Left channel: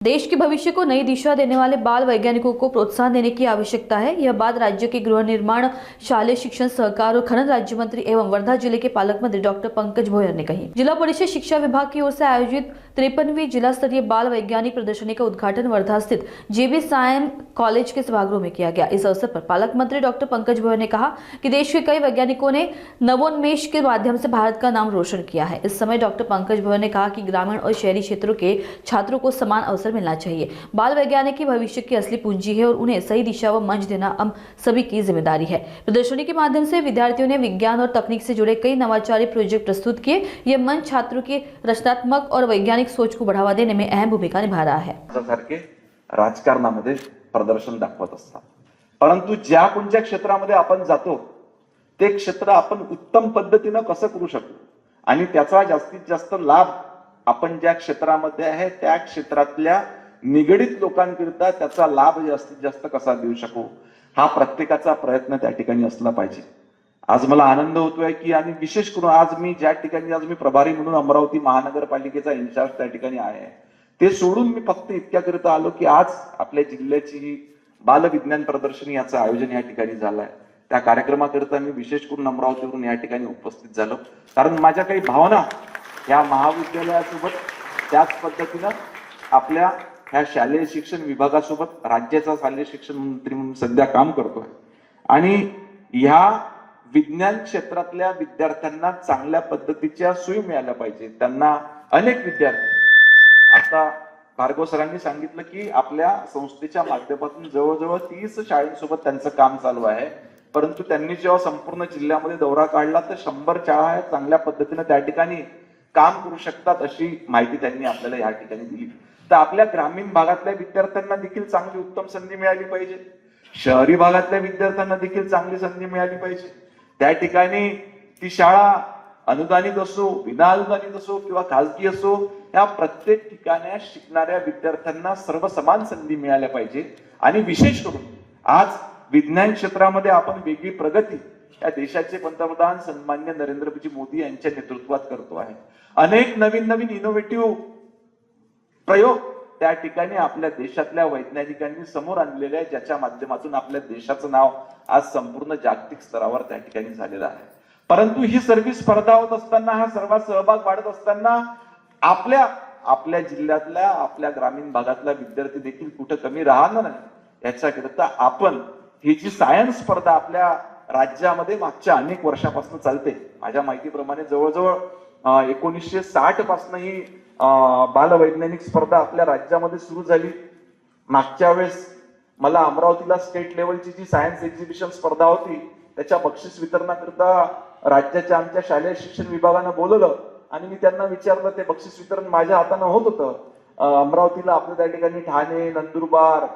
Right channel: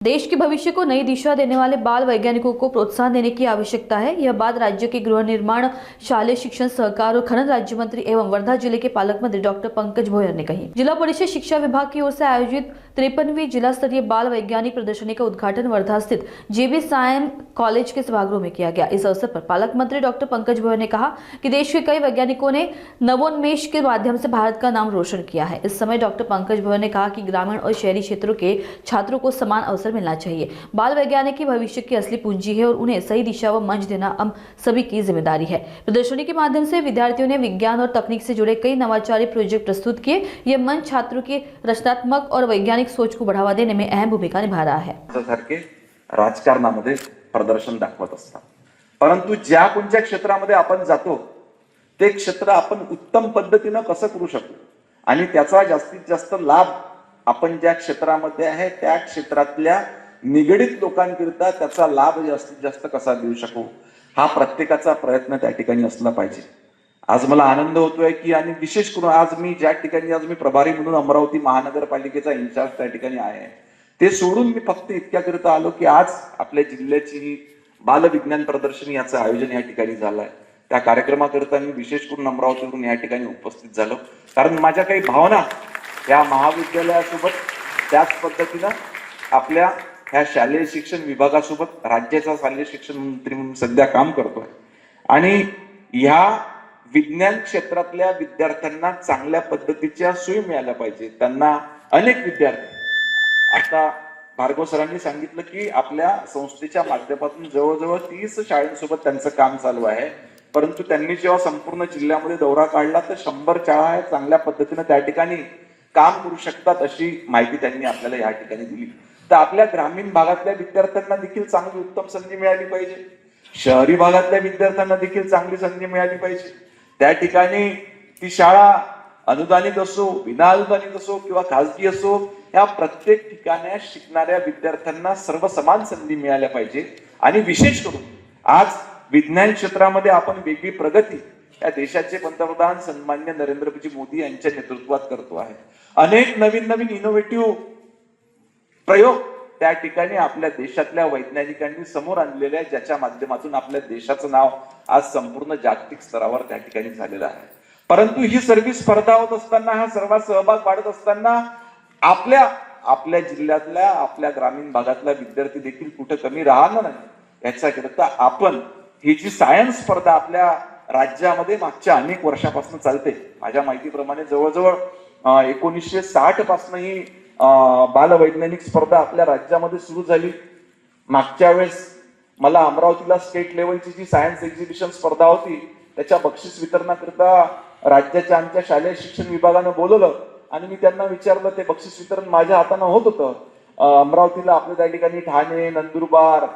देश के भविष्य को नई दिशा देने वाले बाल वैज्ञानिकों को प्रोत्साहन देने की आवश्यकता है। यह बात राज्य के गृह निर्माण, शालेय शिक्षण, सहकार और खनन राज्य मंत्री एवं वर्धा जिले के पालक मंत्री डॉक्टर पंकज भोयर ने कही। जिला परिषद शिक्षा विभाग की ओर से आयोजित 53वीं जिला स्तरीय बाल वैज्ञानिक प्रदर्शनी का उद्घाटन वर्धा स्थित JB सायन कॉलेज के सभागृह में किया गया। इस अवसर पर पालक मंत्री डॉक्टर पंकज भोयर ने कहा कि देश के कई वैज्ञानिकों ने नवोन्मेष के माध्यम से भारत का नाम रोशन किया है। इस समय डॉक्टर पंकज भोयर ने कहा कि ग्रामीण और शहरी क्षेत्रों के छात्रों को समान अवसर मिलना चाहिए। बाल वैज्ञानिक ही भविष्य की असली पूंजी है और उन्हें सही दिशा व मंच देना हम सभी की जिम्मेदारी है। प्रदर्शनी के माध्यम से विद्यार्थियों ने विज्ञान और तकनीक से जुड़े कई नवाचारी प्रोजेक्ट प्रस्तुत किए। यह मंच छात्रों की रचनात्मक और वैज्ञानिक सोच को बढ़ावा देने में अहम भूमिका निभा रहा है। राजकारणामध्ये प्रदर्शन दाखवत असतात, परंतु ज्या कोणत्या क्षेत्रामध्ये आपण जातो ते क्षेत्र आपण उत्तम पद्धतीने कसं करू शकतो आणि त्याचा जास्तीत जास्त लाभ आपण ज्या क्षेत्रामध्ये आहे त्या क्षेत्रातल्या निगडित लोकांकरिता त्याचा लाभ जास्तीत जास्त कसा देऊ शकू हा प्रत्येकाचा प्रयत्न त्या ठिकाणी असला पाहिजे। आज मला आनंद होतोय की आणि विशेष करून आज मी प्रभारी म्हणून अमरावती महानगरपालिकेचा इन्चार्ज त्या ठिकाणी आहे, ते सोडून मी फक्त इतक्याकरिता आलो की आज आपल्या जिल्ह्याची ही बाल विज्ञान प्रदर्शनी याचं आयोजन या ठिकाणी झालंय। त्या कार्यक्रमाकरिता मी विशेष करून अमरावतीवरून या ठिकाणी उपस्थित झालो, कारण माझ्या काही भावना या महाविद्यालयासोबत त्याच पद्धतीनं आपल्या ह्या शालेय शिक्षण विभागासोबत राज्याचा शालेय शिक्षण मंत्री म्हणून सध्या काम करतोय आणि ह्या विज्ञान क्षेत्रातल्या विद्यार्थ्यांना चांगल्या पद्धतीच्या सोयी मिळाल्या पाहिजे। त्यांना अनेक विद्यार्थी आता भार्गव सरांनी सांगितलं की आपल्या संस्थेच्या माध्यमातून जवळजवळ 30 शाळांसोबत त्यांचं काम चालू आहे, परंतु त्यांनी जेव्हा संपूर्ण जिल्ह्यामध्ये दौरा काढला तर 100 शाळा चांगल्या पद्धतीने त्या ठिकाणी काम करू शकतात अशी माहिती त्यांनी आपल्याला या ठिकाणी दिली। तर आपल्या ग्रामीण भागातल्या विद्यार्थ्यांना देखील चांगली उत्तम संधी मिळाली पाहिजे, शहरी भागातल्या विद्यार्थ्यांना देखील चांगली संधी मिळाली पाहिजे। त्या ठिकाणी ती शाळा अनुदानित असो, विना अनुदानित असो किंवा खाजगी असो, या प्रत्येक ठिकाणी शिकणाऱ्या विद्यार्थ्यांना सर्व समान संधी मिळाल्या पाहिजे। आणि विशेष करून आज विज्ञान क्षेत्रामध्ये आपण वेगळी प्रगती या देशाचे पंतप्रधान सन्माननीय नरेंद्रजी मोदी यांच्या नेतृत्वात करतो आहे। अनेक नवीन इनोव्हेटिव्ह प्रयोग त्या ठिकाणी आपल्या देशातल्या वैज्ञानिकांनी समोर आणलेले आहे, ज्याच्या माध्यमातून आपल्या देशाचं नाव आज संपूर्ण जागतिक स्तरावर त्या ठिकाणी झालेलं आहे। परंतु ही सर्व स्पर्धा होत असताना, हा सर्व सहभाग वाढत असताना आपल्या जिल्ह्यातल्या आपल्या ग्रामीण भागातला विद्यार्थी देखील कुठे कमी राहणार नाही याच्याकरिता आपण ही जी सायन्स स्पर्धा आपल्या राज्यामध्ये मागच्या अनेक वर्षापासून चालते, माझ्या माहितीप्रमाणे जवळजवळ 1960 पासून ही बालवैज्ञानिक स्पर्धा आपल्या राज्यामध्ये सुरू झाली। मागच्या वेळेस मला अमरावतीला स्टेट लेवलची जी सायन्स एक्झिबिशन स्पर्धा होती त्याच्या बक्षीस वितरणाकरिता राज्याच्या आमच्या शालेय शिक्षण विभागानं बोलवलं आणि मी त्यांना विचारलं, ते बक्षीस वितरण माझ्या हाताने होत होतं। अमरावतीला आपल्या त्या ठिकाणी ठाणे, नंदुरबार,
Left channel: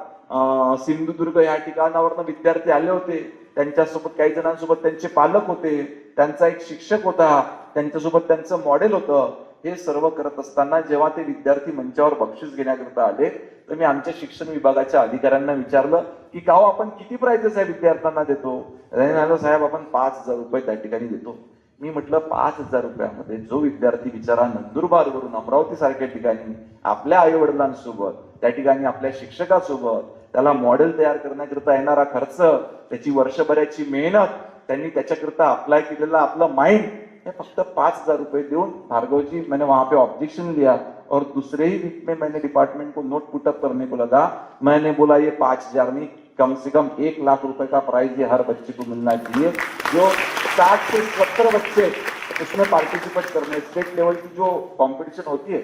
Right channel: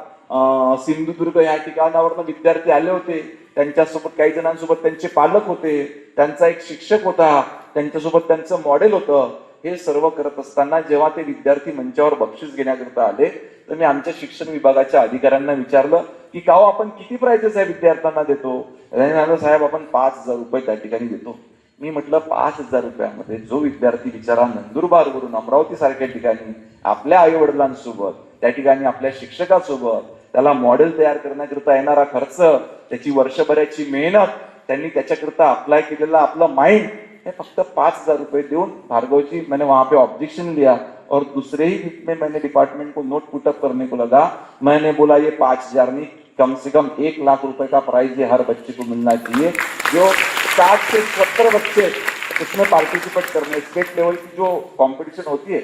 सिंधुदुर्ग या ठिकाणावरनं विद्यार्थी आले होते, त्यांच्यासोबत काही जणांसोबत त्यांचे पालक होते, त्यांचा एक शिक्षक होता, त्यांच्यासोबत त्यांचं मॉडेल होतं। हे सर्व करत असताना जेव्हा ते विद्यार्थी मंचावर बक्षीस घेण्याकरता आले तर मी आमच्या शिक्षण विभागाच्या अधिकाऱ्यांना विचारलं की का आपण किती प्राइजेस आहे विद्यार्थ्यांना देतो? साहेब आपण 5,000 रुपये त्या ठिकाणी देतो। मी म्हटलं 5,000 रुपयामध्ये जो विद्यार्थी बिचारा नंदुरबार वरून अमरावती सारख्या ठिकाणी आपल्या आई वडिलांसोबत त्या ठिकाणी आपल्या शिक्षकासोबत त्याला मॉडेल तयार करण्याकरता येणारा खर्च, त्याची वर्षभराची मेहनत, त्यांनी त्याच्याकरता अप्लाय केलेला आपला माइंड, ये फक्त 5,000 रुपए देऊन भार्गव जी मैंने वहां पे ऑब्जेक्शन लिया और दूसरे ही वीक में मैंने डिपार्टमेंट को नोट पुटअप करने को लगा। मैंने बोला ये 5,000 नहीं, कम से कम 1 लाख रुपए का प्राइज ये हर बच्चे को मिलना चाहिए। जो 60 से 70 बच्चे उसमें पार्टिसिपेट करने, स्टेट लेवल की जो कॉम्पिटिशन होती है,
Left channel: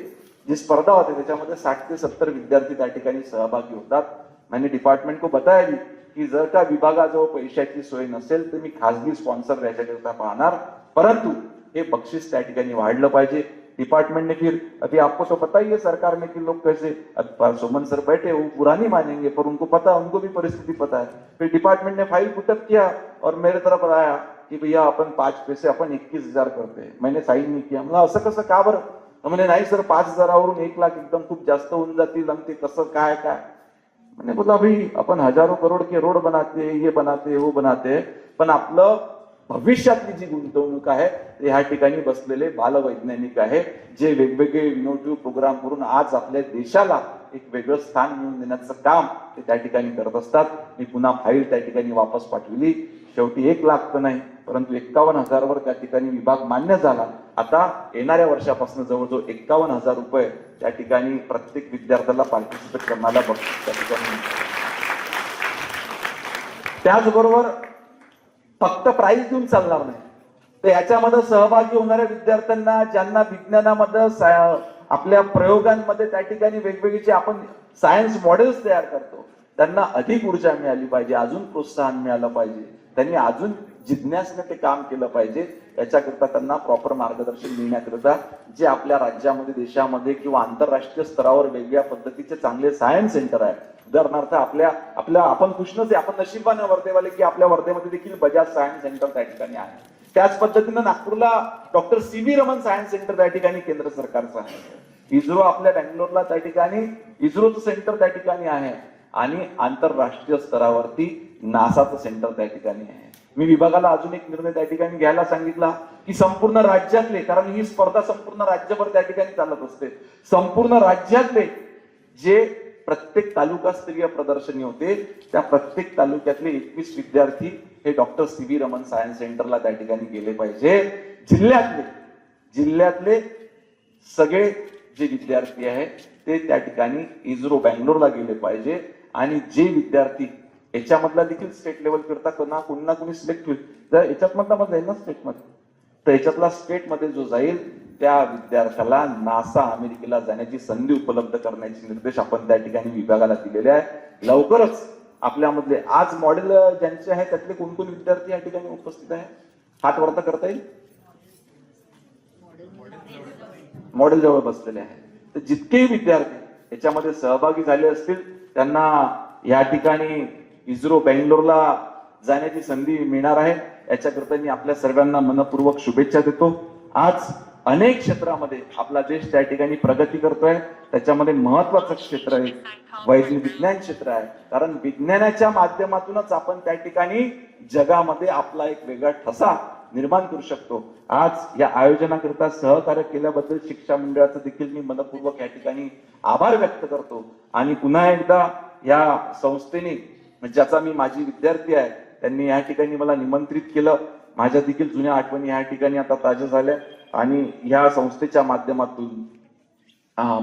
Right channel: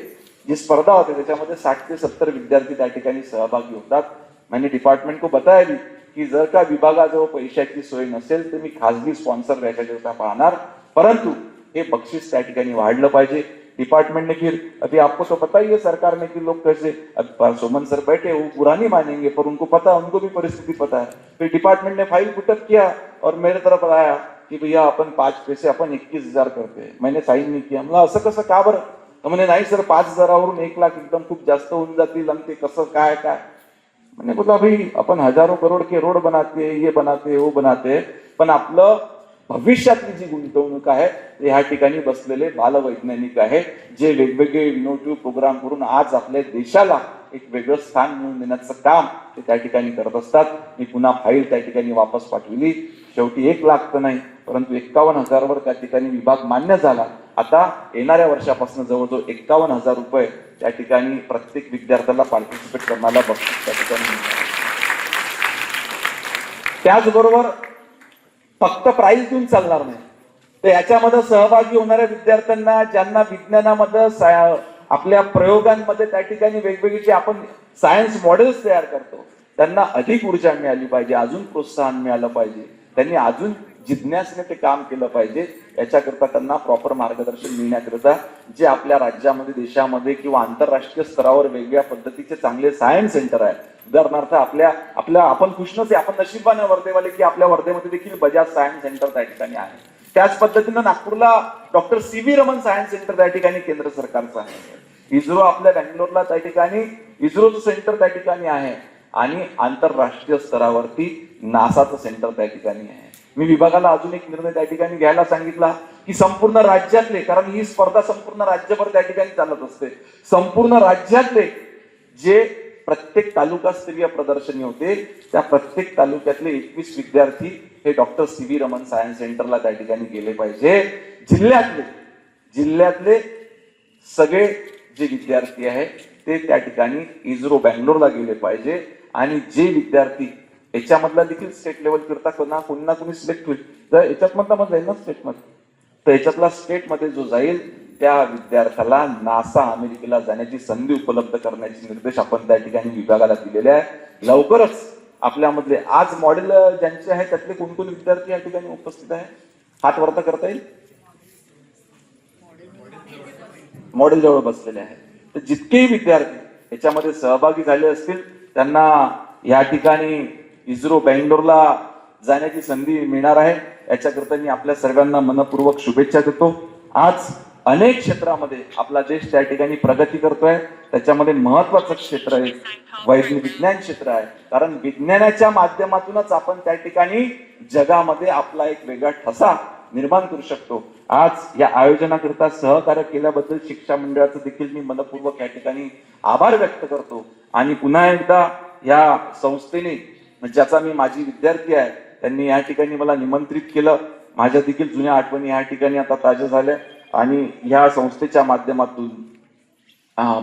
जी स्पर्धा होती है त्याच्यामध्ये 60 से 70 विद्यार्थी त्या ठिकाणी सहभागी होतात। मैंने डिपार्टमेंट को बताया भी की जर का विभागाजवळ पैशाची सोय नसेल तर मी खासगी स्पॉन्सर याच्याकरता पाहणार, परंतु ये बख्शिश त्या ठिकाणी वाढलं पाहिजे। डिपार्टमेंट ने फिर अभी आपको तो पता ही है सरकार ने कि लोग कैसे, अब सोमन सर बैठे वो बुरा नहीं मानेंगे पर उनको पता, उनको भी परिस्थिति पता है। फिर डिपार्टमेंट ने फाइल पुटअप किया और मेरे तरफ आया कि भैया अपन 5 पैसे अपन 21,000 करते हैं। मैंने साइन नहीं किया। मला असं कसं का बरं? तर म्हणे नाही सर 5,000वरून 1 लाख एकदम खूप जास्त होऊन जातील आणि ते कसं काय काय। मैंने बोला भाई अपन हजारों करोड़ के रोड बनाते हैं, ये बनाते वो बनाते, पण आपलं भविष्यातली जी गुंतवणूक आहे या ठिकाणी बसलेले बालवैज्ञानिक आहे, जे वेगवेगळे इनोव्हेटिव्ह प्रोग्राम करून आज आपल्या देशाला एक वेगळं स्थान मिळवून देण्याचं काम ते त्या ठिकाणी करत असतात. मी पुन्हा फाईल त्या ठिकाणी वापस पाठवली. शेवटी 1 लाख तर नाही, परंतु 51,000 वर त्या ठिकाणी विभाग मान्य झाला. आता येणाऱ्या वर्षापासून जवळजवळ 51,000 रुपये त्या ठिकाणी प्रत्येक विद्यार्थ्याला पार्टिसिपेट करण्याला बक्षीस त्या ठिकाणी. त्याचबरोबर फक्त प्राइज देऊन चालणार नाही, तर याच्यामध्ये सहभागी होणाऱ्या विद्यार्थ्यांना ज्यांना विज्ञानामध्ये आपल्या प्रयोगांमध्ये त्या ठिकाणी वेगवेगळी जे आपण सायन्स मॉडेल्स तयार करतो त्यांना अधिक ऊर्जा मिळाली पाहिजे, अजून प्रोत्साहन मिळालं पाहिजे, त्यांनी अजून जिज्ञासेने ते काम केलं पाहिजे. याच्याकरता त्यांना प्रॉपर मार्गदर्शन मिळण्याकरता जे आपल्या राज्यामध्ये, देशामध्ये किंवा आंतरराष्ट्रीय स्तरावर वेगवेगळ्या पद्धतीचे चांगले सायन्स सेंटर आहेत. उदाहरणार्थ आपल्या आपण खुशनच आहे, आपण नशीबवान आहे वर्धेवाले की आपल्या वर्धेमध्ये देखील बजाज सायन्स सेंटर त्या ठिकाणी आहे. त्याच पद्धतीनं नागपूरला डॉक्टर सी.व्ही. रमन सायन्स सेंटर त्या ठिकाणी केंद्र सरकारचं आहे. इस्रो आपल्या बँगलोरला त्या ठिकाणी इस्रोचं सेंटर त्या ठिकाणी आहे आणि आंतरराष्ट्रीय स्तरावरती नासाचं सेंटर त्या ठिकाणी आहे. मी विभागाला अजून एक निर्णय त्या ठिकाणी घ्यायला सांगितला की संपूर्ण राज्यातले, कारण ही स्पर्धा संपूर्ण राज्यभर त्या ठिकाणी चालत असते, संपूर्ण राज्यातले जे प्रत्येक तालुकास्तरीय प्रदर्शनी होते त्या प्रत्येक तालुक्यातले 21 विद्यार्थी हे डॉक्टर सी.व्ही. रमन सायन्स सेंटरला त्या ठिकाणी गेले पाहिजे. जिल्ह्यातले सगळे जे विद्यार्थी आहेत ते त्या ठिकाणी इस्रो बँगलोरला गेले पाहिजे आणि जे विद्यार्थी याच्यामधला देखील स्टेट लेवल करता कोणी ना कोणी सिलेक्ट होईल. तर याच्यात मधला जाईल ना स्टेटमध्ये, तर याच्यातला स्टेटमध्ये जो जाईल त्या विद्यार्थ्याला नासा अमेरिकेला जाण्याची संधी उपलब्ध करण्याचे निर्देश आपण त्या ठिकाणी विभागाला दिलेले आहेत. लवकरच आपल्यामधले आज मॉडेल ज्यांचे आहे त्यातले कोणकोण विद्यार्थी या ठिकाणी उपस्थित आहे, हात वरता करता येईल. मॉडेल जवळ बसलेले आहे. तर जितकेही विद्यार्थी याच्यामध्ये सहभागी झाले असतील त्यांना या ठिकाणी इस्रो बँगलोरला जाण्याची संधी मिळणार आहे. याच्याकरता मी आपल्या सर्वांना मनपूर्वक शुभेच्छा देतो. आज अनेक क्षेत्रामध्ये आपला देश त्या ठिकाणी प्रगती करतोय. त्याच्यामध्ये महत्वाचं क्षेत्र आहे वैज्ञानिक विज्ञान क्षेत्र आहे, कारण विज्ञानाच्या माध्यमातूनच आपण त्या ठिकाणी जगामध्ये आपला एक वेगळा ठसा निर्माण करू शकतो. आज या आयोजनाकरिता सहकार्य केल्याबद्दल शिक्षा मंडळाचं देखील मी मनपूर्वक या ठिकाणी आभार व्यक्त करतो. आणि पुन्हा एकदा या संस्थेने, ज्याचा मी माजी विद्यार्थी आहे, त्यांनी या ठिकाणी मला निमंत्रित केलं. माझ्या देखील जुन्या आठवणी या ठिकाणी आता ताज्या झाल्या आणि ह्या संस्थेच्या माध्यमातून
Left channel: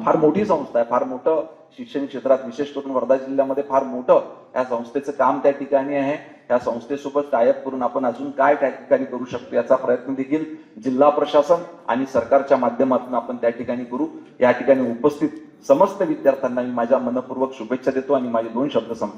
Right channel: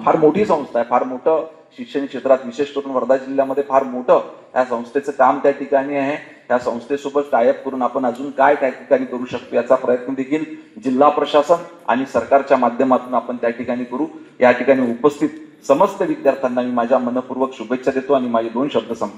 फार मोठी संस्था आहे, फार मोठं शिक्षण क्षेत्रात विशेष करून वर्धा जिल्ह्यामध्ये फार मोठं या संस्थेचं काम त्या ठिकाणी आहे. त्या संस्थेसोबत टायअप करून आपण अजून काय त्या ठिकाणी करू शकतो याचा प्रयत्न देखील जिल्हा प्रशासन आणि सरकारच्या माध्यमातून आपण त्या ठिकाणी करू. या ठिकाणी उपस्थित समस्त विद्यार्थ्यांना मी माझ्या मनपूर्वक शुभेच्छा देतो आणि माझे 2 शब्द संपते.